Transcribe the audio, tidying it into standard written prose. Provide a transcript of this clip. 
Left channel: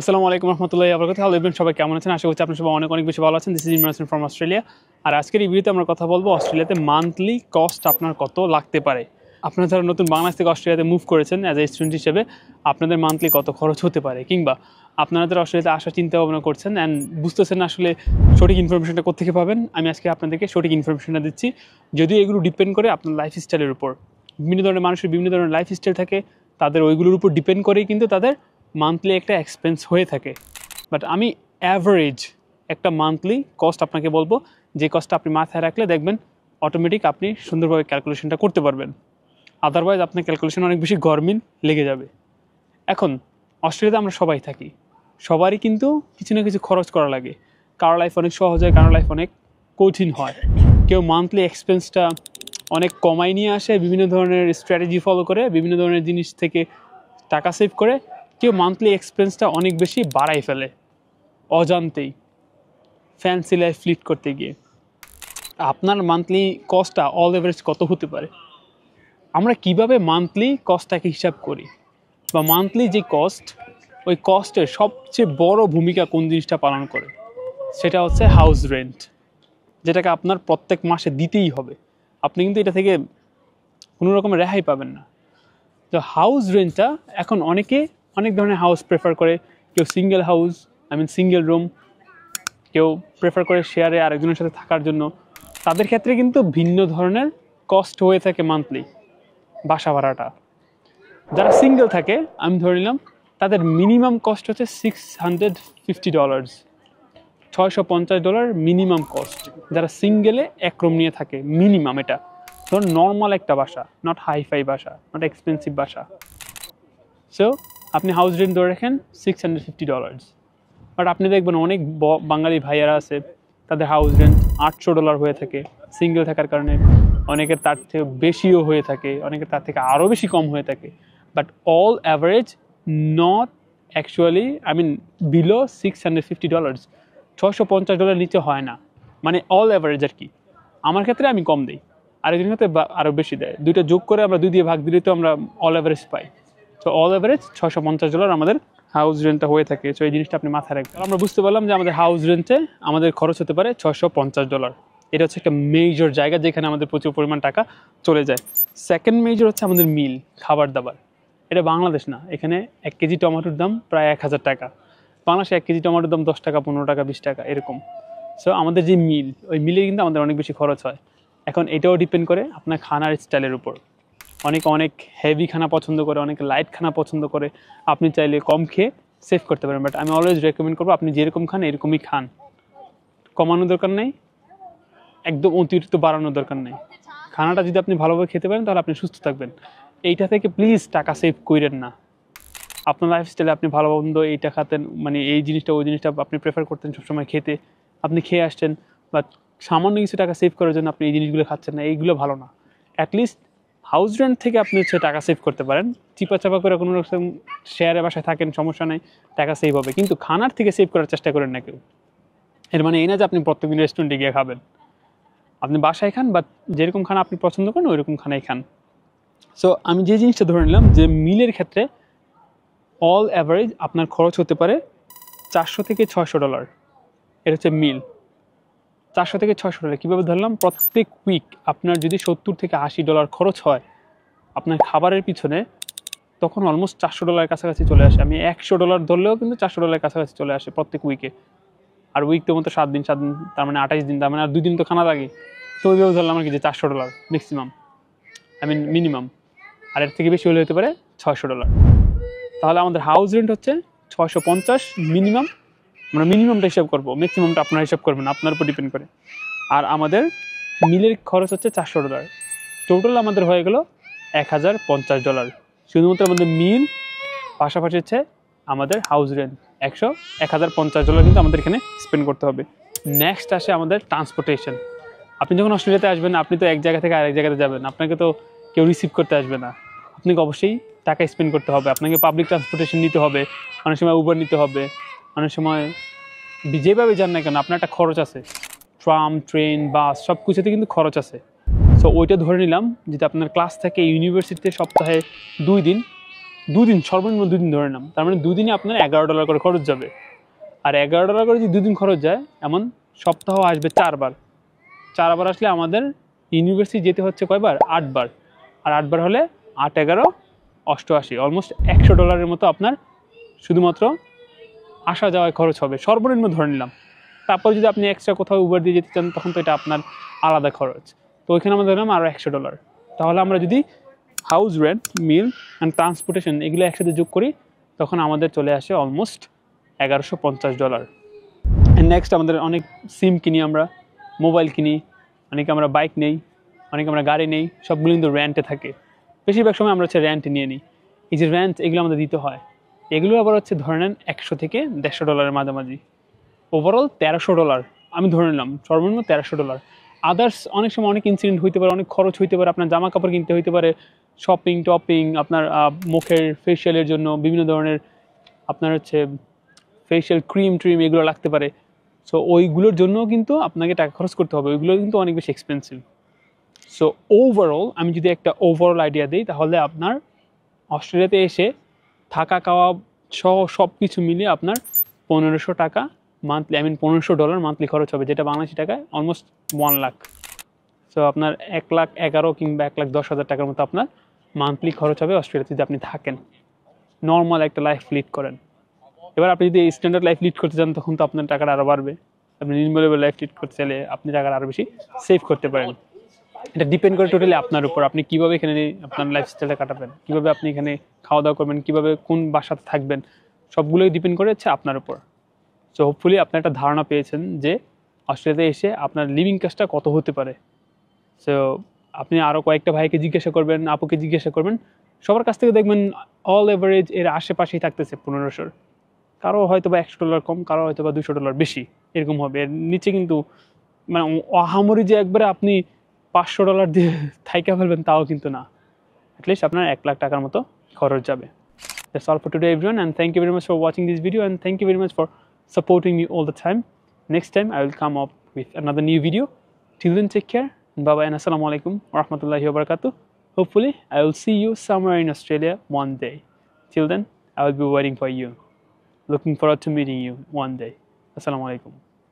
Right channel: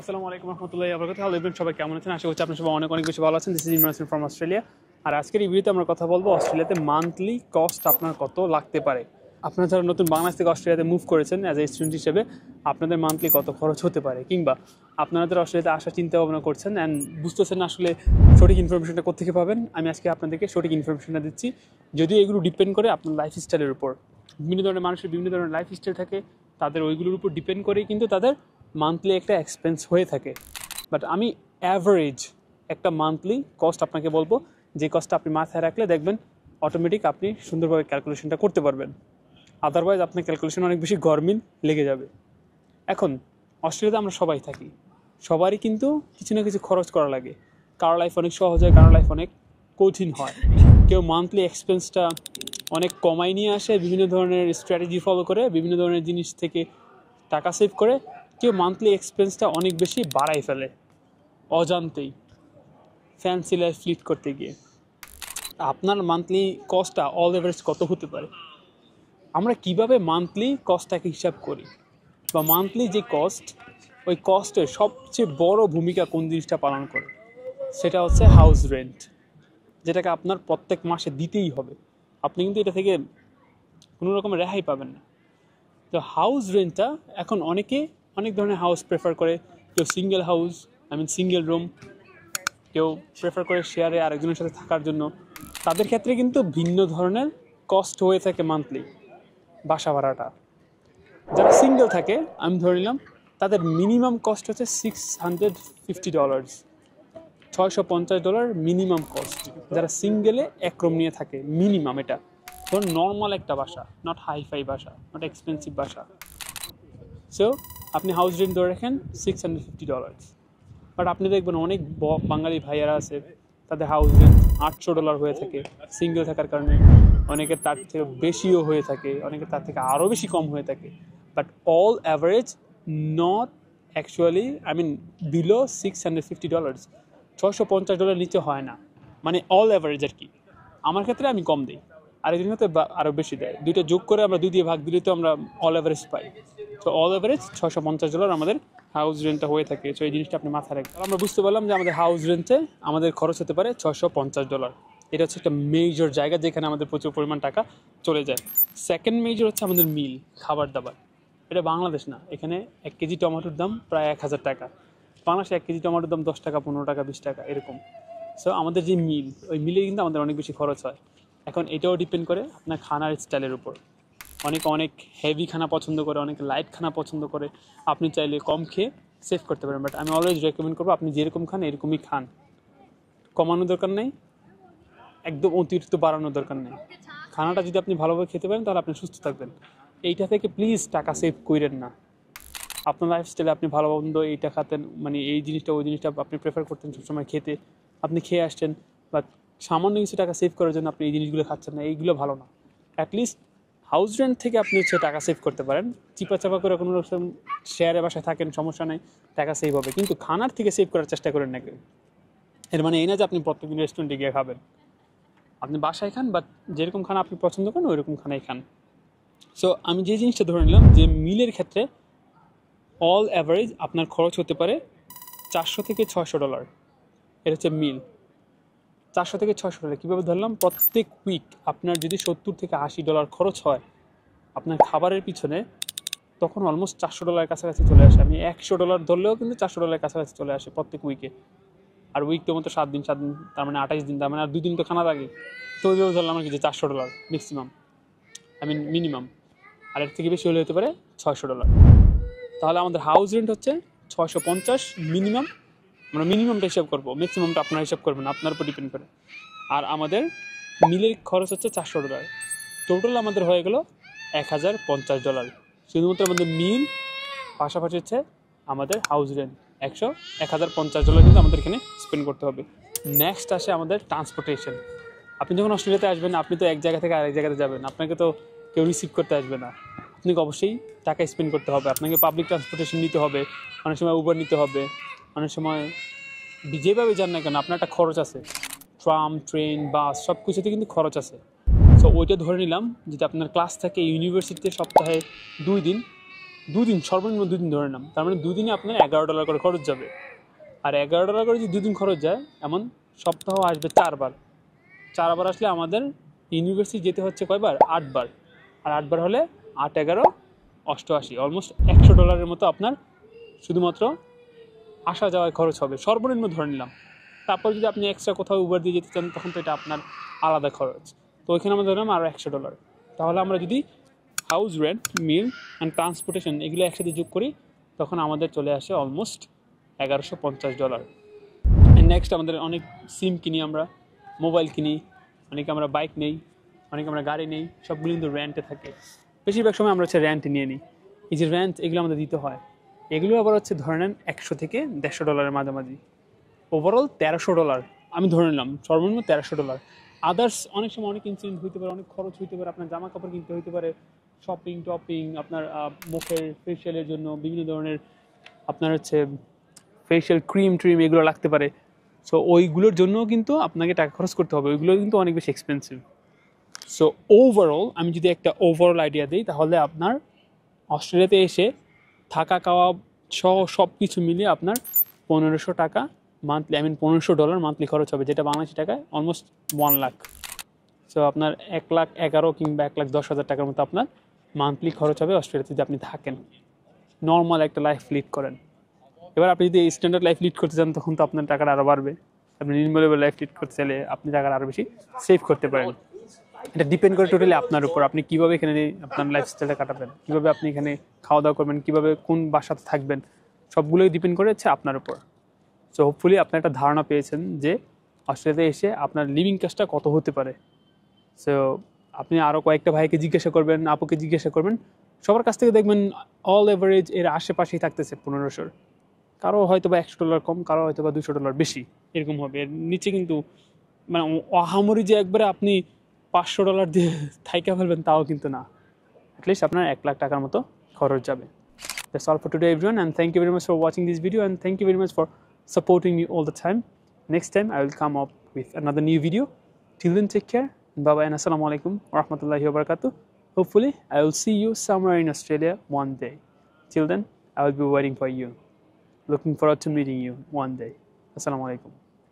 আসসালামু আলাইকুম রহমতুল্লাহি ওয়া বারাকাতুহু। হ্যালো এভরিওয়ান, সবাই কেমন আছেন? আশা করছি আপনারা সবাই অনেক অনেক বেশি ভালো আছেন। This is Imran from Australia. আর আজকের এই ভিডিওতে আমরা কথা বলবো অস্ট্রেলিয়াতে মান্থলি কস্ট আপনার কত লাগতে পারে। আপনারা যারা নতুন বাংলাদেশ থেকে অস্ট্রেলিয়াতে মুভ করেছেন অ্যাজ এ স্টুডেন্ট হিসেবে, আপনাদের মান্থলি কত খরচ হতে পারে, কিংবা আপনারা যারা অস্ট্রেলিয়াতে আসার চিন্তা ভাবনা করছেন অ্যান্ড বুঝতেছেন না আসলে সঠিক ইনফরমেশনটা কোথেকে পাবেন, আমি আজকে আপনাদেরকে সঠিক ইনফরমেশনটা দিচ্ছি। যদিও এগুলো ডিপেন্ড করে আপনার লাইফ স্টাইলের উপর। বিভিন্ন ধরনের মানুষের বিভিন্ন ধরনের লাইফ স্টাইল থাকে, তাদের ওইগুলোর উপর ডিপেন্ড করেই কিন্তু তাদের মান্থলি একটা এক্সপেন্স হয়ে থাকে। বাট আমি অ্যাভারেজ একটা মান্থলি কস্ট আপনাকে বলবো, যে কস্টটা আপনি মাথায় রাখলে দেখবেন অটোমেটিক আপনি সুন্দরভাবে ক্যালকুলেশনটা করতে পারবেন। আদারওয়াইজ আপনার ক্যালকুলেশন অনেক বেশি গরমিল লেগে যাবে। এখন অস্ট্রেলিয়াতে আমরা সবাই থাকি, সবারই কিন্তু কিছু না কিছু খরচ করা লাগে। কারো লাইফ অনেক সহজ হয়, কারো লাইফ অনেক কঠিন হয়। কেউ মান্থলি এক্সপেন্সটা অনেক কমাই নিয়ে আসে, বিভিন্ন ধরনের স্ট্র্যাটেজি ফলো করে, বিভিন্ন ধরনের জিনিস থেকে টাকা সেভ করে। কেউ মান্থলি এক্সপেন্সটা অনেক বেশি বাড়াই ফেলে অজান্তেই, ফ্যান্সি লাইফ লিড করতে গিয়ে। আপনার মান্থলি কস্টটা অল এভারেজ কত হতে পারে? আমরা কিভাবে মান্থলি কস্টটাকে হিসাব করি, বা মান্থলি যে কস্ট, ওই কস্টের সবচেয়ে বড় ভূমিকা কোন জিনিসটা পালন করে, সেটা হচ্ছে হাউস রেন্ট, যেটাকে আপনার প্রত্যেক মাসে দিতেই হবে। আপনি কিন্তু এটা থেকে কোনো রকমের রেহাই পাবেন না। তো হাউস রেন্টটা এখন অনেক ধরনের হাউস প্রেফার করে। কেউ সিঙ্গেল হাউস, সিঙ্গেল রুম, কেউ প্রেফার করে শেয়ারে আরেকজনের সাথে থাকার জন্য। তাদের ক্ষেত্রে কিন্তু ভিন্ন ধরনের কস্ট হয়ে থাকে মান্থলি বাসা ভাড়াটা। যারা সিঙ্গেল থাকে, আমি ধরে নিলাম তাদের মিনিমাম কস্ট হচ্ছে $650, $650 মিনিমাম কস্ট। যারা সিঙ্গেলে এক রুম নিয়ে থাকে, মিনিমাম এটা ধরুন নর্মাল একটা বাসা, নট হাইফাই বাসা, নট এক্সপেন্সিভ বাসা। সো আপনি হাউস রেন্ট ধরে রাখেন $650। বাট আপনি দেখবেন অনেক বাঙালি ভাইয়ারা আছে, তাদের হাউস রেন্ট $800 হয়ে থাকে সিঙ্গেল থাকার কারণে। অনেকের তার থেকে বেশিও হয়ে থাকে, অনেকের তার থেকে আরও বেশি কম হয়ে থাকে। But all average not actually below $650, $650 নিচে হয় না। মানে অল অ্যাভারেজ আর কি। আমার ক্ষেত্রে আমি কম দিই, আরেকজনের ক্ষেত্রে আরও বেশি দেয়। দুইটা যোগ করে আমরা 2 দিয়ে ভাগ দিলে তো আমরা অল অ্যাভারেজ পাই। তো অল অ্যাভারেজ $650 আমাদের হাউস রেন্টটা হয়ে থাকে। সো এই জিনিসটা আপনি মাথায় রাখবেন। আমরা বুঝতে পারলাম যে আমাদের হাউস রেন্টে আমাদের খরচ হতে পারে $650। এটা হচ্ছে একটা মেজর জায়গা যেখানে আমাদের প্রচুর পরিমাণ টাকা চলে যায়। সেকেন্ড মেজর হচ্ছে আমাদের মিল, খাবার দাবার। এটা বাংলাদেশ না, এখানে 1 কেজি টমেটোর দাম প্রায় 1000 টাকা। বাংলাদেশে 1 কেজি টমেটোর দাম 10 টাকা, 15 টাকা, 20 টাকা এরকম। সো আমাদের যে মিল, ওই মিলে কিন্তু আমাদের অনেক বেশি খরচ হয়। এখন এটাও ডিপেন্ড করে আপনার খানার স্টাইলের উপর। অনেক হেভি খানা পছন্দ করে, অনেকে লাইট খানা পছন্দ করে। আপনি চাইলে কম খেয়ে সেভ করতে পারেন, বাট আমি অলওয়েজ রেকমেন্ড করবো আপনি যেরকম খান এরকমই খান। কমানোর দরকার নেই, একদম অতিরিক্ত বাড়ানোর দরকার নেই। খানাটা যদি আপনি ভালোভাবে খেতে পারেন তাহলে আপনি সুস্থ থাকবেন। এইটা থেকে প্লিজ টাকা সেভ করেন না। আপনার লাইফস্টাইলে আপনি ভালো মন্দ এইটা খাতেন, এই জিনিসটা ওই জিনিসটা আপনি প্রেফার করতেন সবসময় খেতে, আপনি খেয়ে আসছেন, বাট সামান্য কিছু টাকা সেভ করার জন্য আপনি এই জিনিসগুলো খাচ্ছেন না, এইগুলো ভালো না। অ্যাটলিস্ট হাউস রেন্ট থেকে আপনি হচ্ছে টাকা সেভ করতে পারেন। চিপা করে কোনো রকম শেয়ারে বাসায় থাকেন, সমস্যা নেই, টাকা সেভ হবে। কিন্তু খানার থেকে সেভ করার চেষ্টা করেন না কেউ। এর মানে এই না যে আপনি প্রত্যেকদিন রেস্টুরেন্টে গিয়ে খাবেন। আপনি বাসায় খান, বা যেরকম খানা আপনি পছন্দ করেন ওইরকম খানাই খান। সো আমি যে জিনিসটা ধরে নিলাম যে মিলের ক্ষেত্রে অল অ্যাভারেজ আপনার খরচ হতে পারে $400 থেকে $600। এটা হচ্ছে মিল। $400 থেকে $600 কীভাবে ধরলাম? প্রত্যেক উইক আপনার যদি $70 থেকে $80 খরচ হয় আপনার খাবারের পিছনে, তখন অলমোস্ট $400 কাছাকাছি চলে আসে। আমি $100 ধরলেও কিন্তু $400 কাছাকাছি চলে আসে প্রত্যেক উইকে। আর উইক তো মতো 7 দিন, তার মানে 28 দিন, তার মানে আর 2 দিন তো খানা লাগে। তো ওইভাবে ধরলাম আর কি যে $400 ম্যাক্সিমাম, মিনিমাম। আর এর থেকে বেশি হলে হতে পারে $600। তাহলে আমাদের হাউস রেন্ট হচ্ছে 650 মিনিমাম। আমরা মিনিমামটা হিসাব করবো, ম্যাক্সিমামটা আপনারা হিসাব করবেন, আপনার উপর ডিপেন্ড করে। আর আমাদের মিলের খরচ হচ্ছে $400। টোটাল আমাদের হয়ে গেল $1050। শুধুমাত্র আমাদের মিল, পাশাপাশি হচ্ছে আমাদের হাউস রেন্ট $1050 কিন্তু আমাদের এখানে স্পেন্ড করতে হবে। নেক্সট আসে আমাদের ট্রান্সপোর্টেশন। আপনি যখন অস্ট্রেলিয়াতে আসবেন, আপনি তো এক জায়গা থেকে আরেক জায়গাতে যাবেন, আপনাকে তো কেউ রিসিভ করতে আসবে না। আপনাকে অবশ্যই টাকা স্পেন্ড করতে হবে, আপনাকে পাবলিক ট্রান্সপোর্টেশন নিতে হবে, অনেক সময় উবার নিতে হবে, অনেক সময় যেভাবে যান না কেন আপনার একটা খরচ আছে। ট্রাম, ট্রেন, বাস সব কিছুতে কিন্তু খরচ আছে। সো ওইটা ধরে নিলাম যদি আপনার ক্লাস থাকে ইউনিভার্সিটিতে সপ্তাহে 2 দিন, দুদিন, সর্বনিম্ন 2 দিন ধরে নাম, তার মানে 2 দিনে আপনার $11 করে খরচ যাবে। আর $11 করে যদি 2 দিন খরচ যায়, এমন সপ্তাহ আসবে 4 বার। 4 বার আসলে আমাদের ইউনিভার্সিটি যেতে হচ্ছে কয়বার? 8 বার। আর 8 বার হলে 8, 11, 88, অলমোস্ট $100 মতো আপনার শুধুমাত্র আসা যাওয়ায় খরচ হবে, সর্বনিম্ন ধরে নিলাম। তারপর যদি আপনি এক্সট্রা কোথাও উবার দিয়ে যেতে চান, তখন তো এটা আপনার আলাদা খরচ। তো ওইখানে আমরা ধরলাম আরও $100। তাহলে আমরা যদি house rent, meal and transportation এগুলো একসাথে যোগ করি, তখন আমাদের চলে আসে অলমোস্ট $1150। নেক্সট আমাদের অনেক সিম কিনি, আমরা মোবাইল কিনি, অনেকে আমরা বাইক নেই, অনেকে আমরা গাড়ি নেই, সবগুলো কিন্তু রেন্টে থাকে। বেশিরভাগ সময় আমরা হচ্ছে রেন্ট নিয়ে নিই। এই যে রেন্ট, এগুলো আমাদের দিতে হয়। এগুলো আবার হচ্ছে ধরে নেন $100 থেকে $150 মাঝামাঝি। ওভারঅল $1300 আমি ধরে নিলাম, সর্বনিম্ন $1300। আদার্স অনেক সময় অনেক ইনসিডেন্ট হইতে পারে, অনেক খরচ হইতে পারে, আপনার জামা কাপড় কিনতে হইতে পারে, শপিং টপিং, আপনার মুখের ফেশিয়ালের জন্য বিভিন্ন ধরনের আপনার হচ্ছে ফেশিয়াল ক্রিম ট্রিম এগুলো লাগতে পারে। সো ওইগুলোর জন্যও কিন্তু আপনাকে টাকা খরচ করতে হবে, ওইগুলো কিন্তু অনেক বেশি এক্সপেন্সিভ। সো ওভারঅল আমি যদি একটা ওভারঅল আইডিয়া দিই, তাহলে আপনার অস্ট্রেলিয়াতে এসে থাকা খাওয়া সহ সব কিছু মিলিয়ে আপনার $1500 মান্থলি, $1500 মান্থলি খরচ হবে, যেটা বাংলাদেশি টাকায় অলমোস্ট 1 লাখ। সো আপনার 1,11,000 কিংবা 1,10,000 টাকার মতো আপনার মান্থলি খরচ হবে অস্ট্রেলিয়াতে যদি আপনি থাকেন, নর্মাল একটা লাইফ লিড করেন। এবার আপনি যদি স্ট্যান্ডার্ড লাইফ লিড করতে চান, তখন তো আপনার টাকাটা আরও বাড়বে। আপনি নির্মল লাইফ লিড করতে চাইলে আপনি টাকাটা আরও বেশি সেভ করতে পারেন। এটা ডিপেন্ড করে টোটালি আপনার উপর, আপনি কিভাবে এখানে আপনার লাইফস্টাইলটা কাটাবেন, কিভাবে আপনি এখানে খাওয়া দাওয়া করবেন, কিভাবে কোন বাসাতে থাকবেন, সবগুলোই ডিপেন্ড করে হচ্ছে আপনার উপর। সো হোপফুলি আপনি একটা ধারণা পেয়েছেন যে অস্ট্রেলিয়াতে এসে আপনার লিভিং কস্টটা কত হতে পারে। সো আপনি আরও কয়েকটা ভাইকে জিজ্ঞাসা করবেন, আপুকে জিজ্ঞাসা করবেন, সবার কাছ থেকে দেখবেন অল এভারেজ এর আশেপাশেই থাকতেছে 1500। কারো হয়তো বা $100 কম, কারো হয়তো বা $200 বেশি, এরকম হবে। এর নিচে কিন্তু মানে আহামরি যে একবারে আপনি $500 দিয়ে থাইকা ফেলবেন, তাও কিন্তু না। অ্যাটলিস্ট আপনার 1 লাখ টাকার মতো খরচ যাবে। That's all for today, everyone, and thank you very much for watching this video, and thank you very much for supporting me all the time. Next time I will come up with another new video. Till then, take care. Bye bye and assalamu alaikum wa rahmatullahi wa barakatuh. Hopefully I will see you somewhere in Australia one day. Till then, I will be waiting for you. Looking forward to meeting you one day. Assalamu alaikum.